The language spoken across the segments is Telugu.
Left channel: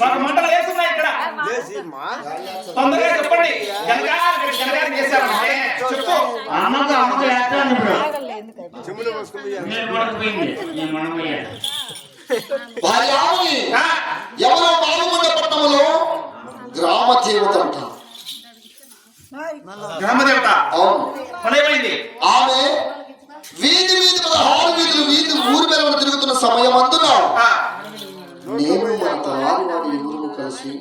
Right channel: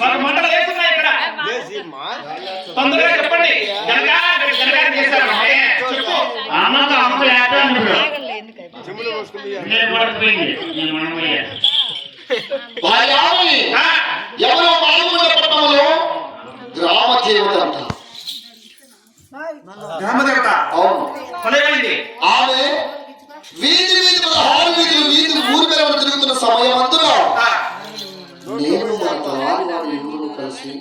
మాకు మంటలు వేస్తున్నాయి ఇక్కడ. తొందరగా చెప్పండి. గనగా చేస్తారంటే చెప్పు. అమ్మకు అమ్మ లేకపోయింది ఎవరో మారుమూల పట్టణంలో గ్రామ దేవత అంట. గ్రామదేవత అవును. పనేమైంది? ఆమె వీధి 16 వీధులు ఊరి మీద తిరుగుతున్న సమయం అందులో నేను మన తలారి ఊరు కలిసి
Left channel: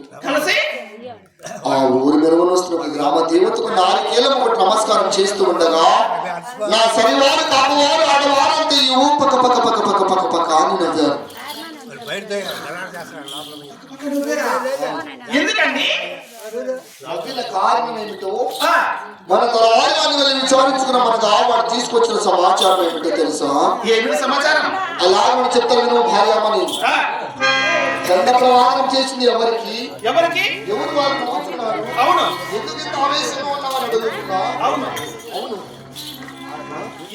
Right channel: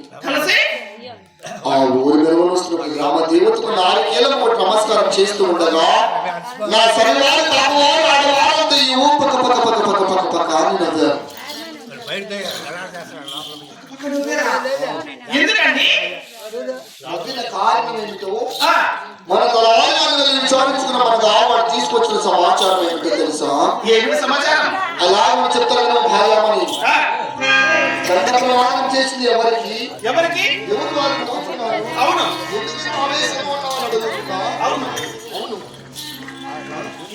ఆ ఊరి మెరుగున గ్రామ దేవతకు 4 ఏళ్ళ పాటు నమస్కారం చేస్తూ ఉండగా నా శనివారం కామవారు ఆడవారంతా ఈ ఊ పక్క పక్క పక్క పక్క పక్క పక్క అని నవ్వారు. ఎందుకండి? నవ్విన కారణం ఏమిటో మన తలారి విచారించుకున్న మన దావాడు తీసుకొచ్చిన సమాచారం ఏమిటో తెలుసా? ఏమిటి సమాచారం? అలాగే మనం చెప్తాను భార్యమని దండ ప్రవాహం చేసింది ఎవరికి? ఎవరు వాళ్ళు నవ్వుతున్నారు? అవును. ఎందుకు ఇంత ఆవేశంగా ఉన్నామని అడుగుతున్నా? అవును అవును.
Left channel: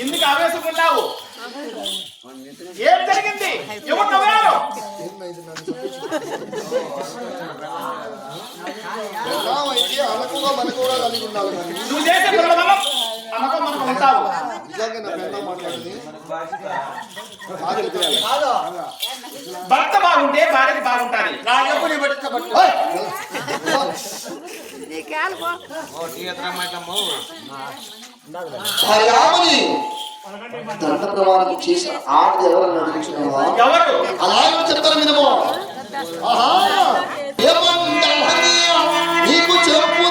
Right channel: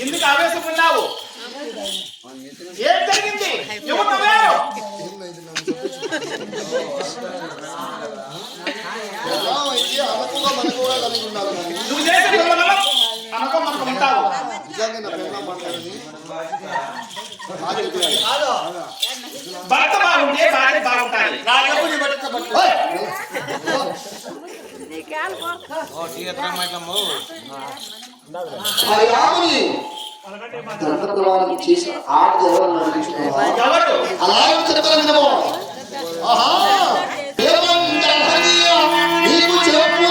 ఎందుకు ఆవేశపడ్డావు? ఏం జరిగింది? ఎవరు నవ్వారు? ఎలా అయితే అనకుగా మనకుగా కలిగి ఉండాలి కానీ నువ్వు చేసే పనుల వల్ల అనకం మనకు ఉంటావు. నిజంగా నా పెళ్ళ మాట్లాడింది భర్త బాగుంటే భార్య బాగుంటాది. రామని దండ ప్రవాహం చేసిన ఆవిడ ఎవరు? అలాగే చెప్తాను వినమో. ఆహా నీకు చెప్పు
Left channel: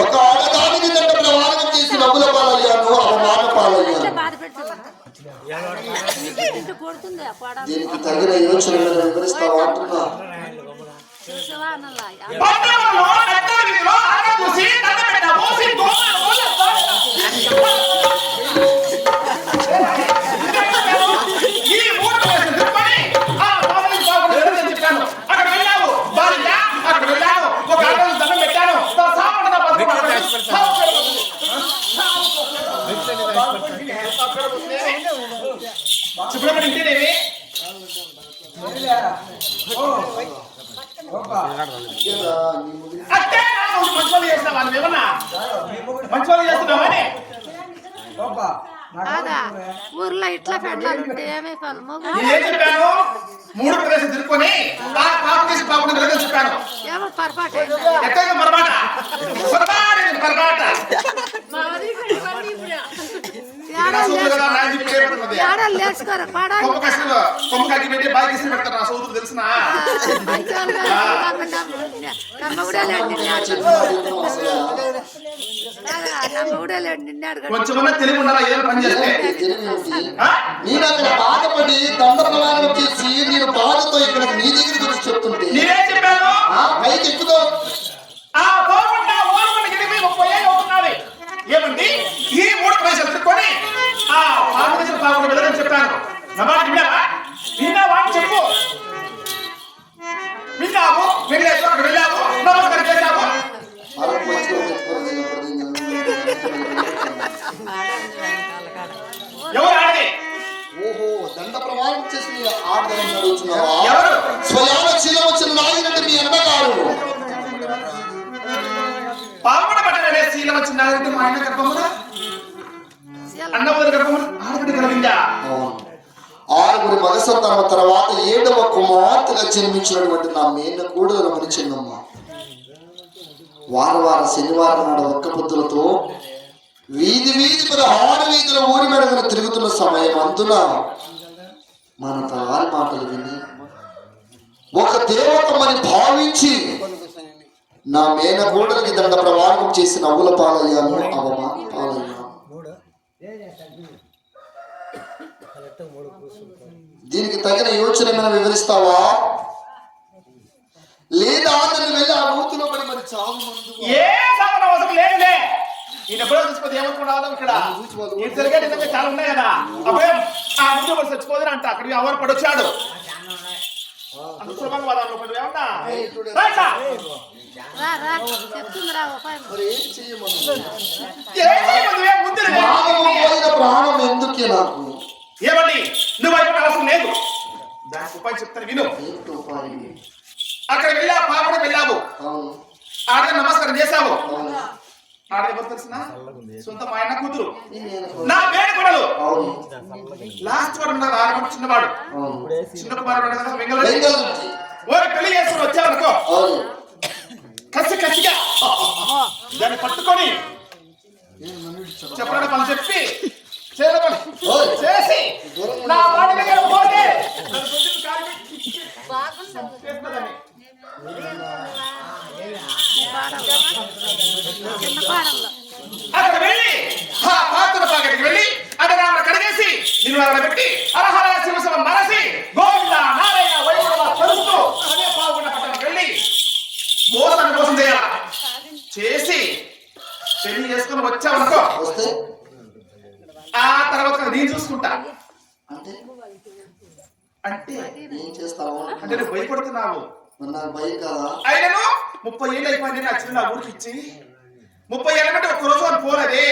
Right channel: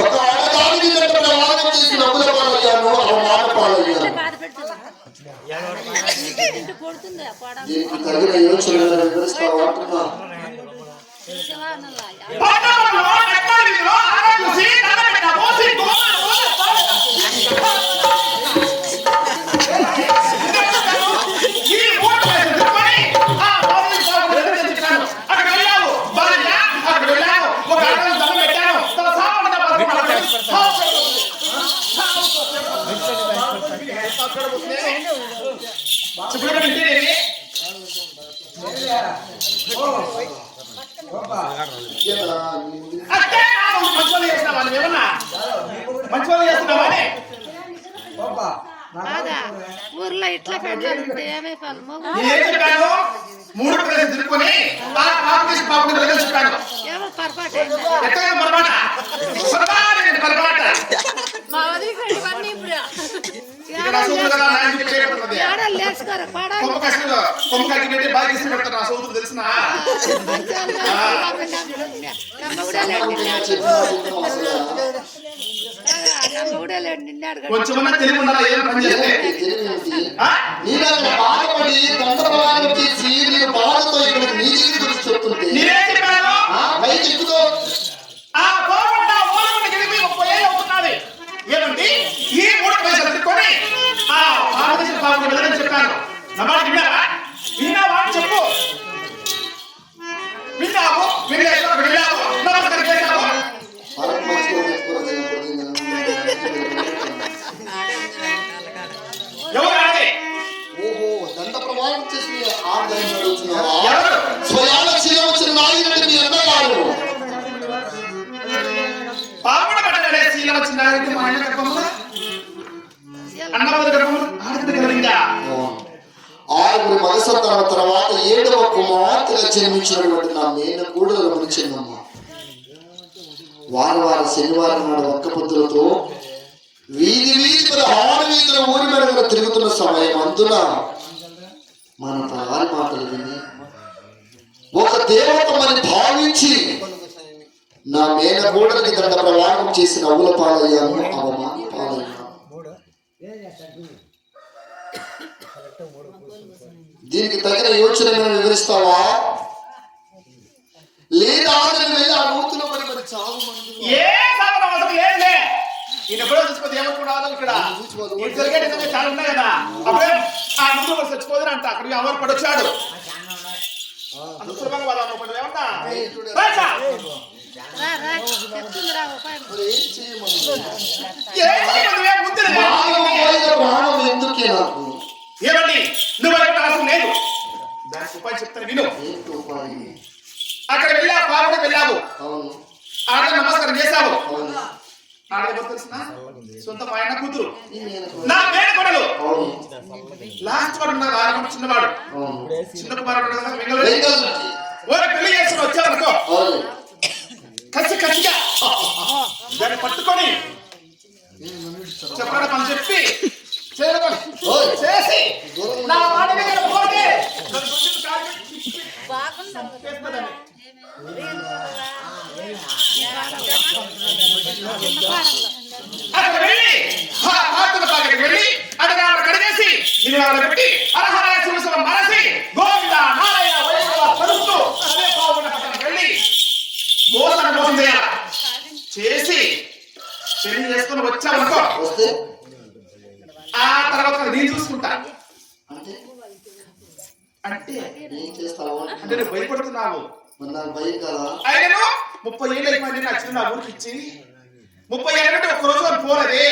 ఒక ఆడదానికి దండ ప్రవాహం చేసి నవ్వుల పాలయ్యాను, అవమాన పాలయ్యాను. దీనికి తగిన యోచనలు వివరిస్తావా అంటున్నా. ఊర్లో ఇట్లా పెట్టాలంటే ఏమే ఫలము? 3 ప్రదేశం తిరుక్కొని ఏమో పొరపాటు లేచుకోరు తెలిసిన కొంచెమన్నా తెలివి ఉండాలా? ఏదో పని చేస్తే బాధపడి దండ ప్రవాహం చేసి నేను బాధతో ఇక్కడ నీ దగ్గర చెప్తుంటే పైకి ఎక్కుతో ఏమండి ఈ 3 ప్రదేశాలు తిరుక్కొని ఆ భారతదేశం బాగుండే వెళ్ళని చెప్పాను. నమ్మాట విన్నారా? విన్నావా అని చెప్పు. విన్నావు, వెళ్ళావు, అక్కడ వెళ్ళావు, నమస్కారం చేశావు. ఎవరు ఆడి? ఓహో దండ ప్రమాణం చేసి ఆడదాన్ని అడుగుతున్నావా? స్వయాన శీలం వచ్చిన నాయకుడు మీ అన్నగారు పాపడ పట్టడే శీలం వచ్చిన నాయకుడు మా అన్న గర్భమున అన్నవద గర్భమున ఆడబిడ్డ కలిగిందా? 6 మగ సంతానం తర్వాత 7వ కుమార్తెగా జన్మించినటువంటి నా మేన కూడలు మనిచిన్నమ్మ వార శనివారం నాడు ఒక్క పొద్దులతో వీధి 16 వీధుల ఊరి మెరుగున తిరుగుతున్న సమయం అందున మన తలారి మాటలు విని ఒక దేవతమని భావించి నా మేన కూడలికి దండ ప్రవాహం చేసి నవ్వుల పాలయ్యాను, అవమాన పాలయ్యాను. దీనికి తగిన యోచన వివరిస్తావా లేదా అతను వెళ్ళి ఆ నూతిలో మరి చావు మందు ఏ సాధన అవసరం లేదులే. ఈయన ఎప్పుడో చచ్చిపోతే ఏమనుకున్నావు ఇక్కడ ఈ తిరిగేటి దగ్గర చాలా ఉన్నాయి కదా. అప్పుడే ఆ ముందు మరి చచ్చిపోదని అంట అక్కడికి ఎవరు పడొచ్చాడు అంత సులభంగా వాదాలు పడి ఏమన్నా రా రా చెప్తుంది రా ఉపాయం. మరి ఏం చేయమని ముందు ప్రాణం ఎందుకే నాకు ఏమండి నువ్వు అయిపోయిన అవసరం లేదు. దానికి ఉపాయం చెప్తాను విను. ఏంటి ఉపాయం? అక్కడ వెళ్ళా పాపడం వెళ్ళావు, అవును ఆడ నమస్కారం చేశావు. అవును ఆడ ఎవరు తెలిసిన సొంత మా ఆయన కూతురు ఈ మేనకు నా పేరు కొడలు. అవును లాస్ట్ వాడు నా ఆరంభం చిన్నవాడు అవును చిన్న కుమారుడు వెంగళ వెంకటరెడ్డి. ఓరి పెళ్లి చేసుకుని వచ్చావనుకో అవును కసిగా దాన్ని పట్టుకొని చెప్పడానికి పని చెప్పి చేరుకొని ఓయ్. చేసి నా మాట దగ్గర పోతే నన్ను గుర్తింపు కాలు పెట్టి చేస్తున్నదని. చిన్న పాడల్లో అక్కడ వెళ్ళి ఆ పాత్ర పాకెట్కి వెళ్ళి అక్కడ ఆవిడ కడిగేసి నిన్ను ఆవిడ పెట్టి అరహర శివశివం మరసి గోవింద నారాయణ వైకుంఠ చదువుతూ అదే పావుకున్న పట్టణం వెళ్ళి మోసాన్ని మోసం చేయాల చేసి పెళ్లి చేసుకుని వచ్చావనుకో వస్తే ఆ తర్వాత నేను చూసుకుంటా. అంటే అంటే ఏం చేస్తావు అంటే నువ్వు భయపడుతున్నావు. మరి నాకు భయం కదా. ఆయనను 30 ఏళ్ళు అయిపోయింది నా చిన్న ఊరికి ఇచ్చి 30 ఏళ్ళ బట్టి ఒక్క రోజు పోలేదే.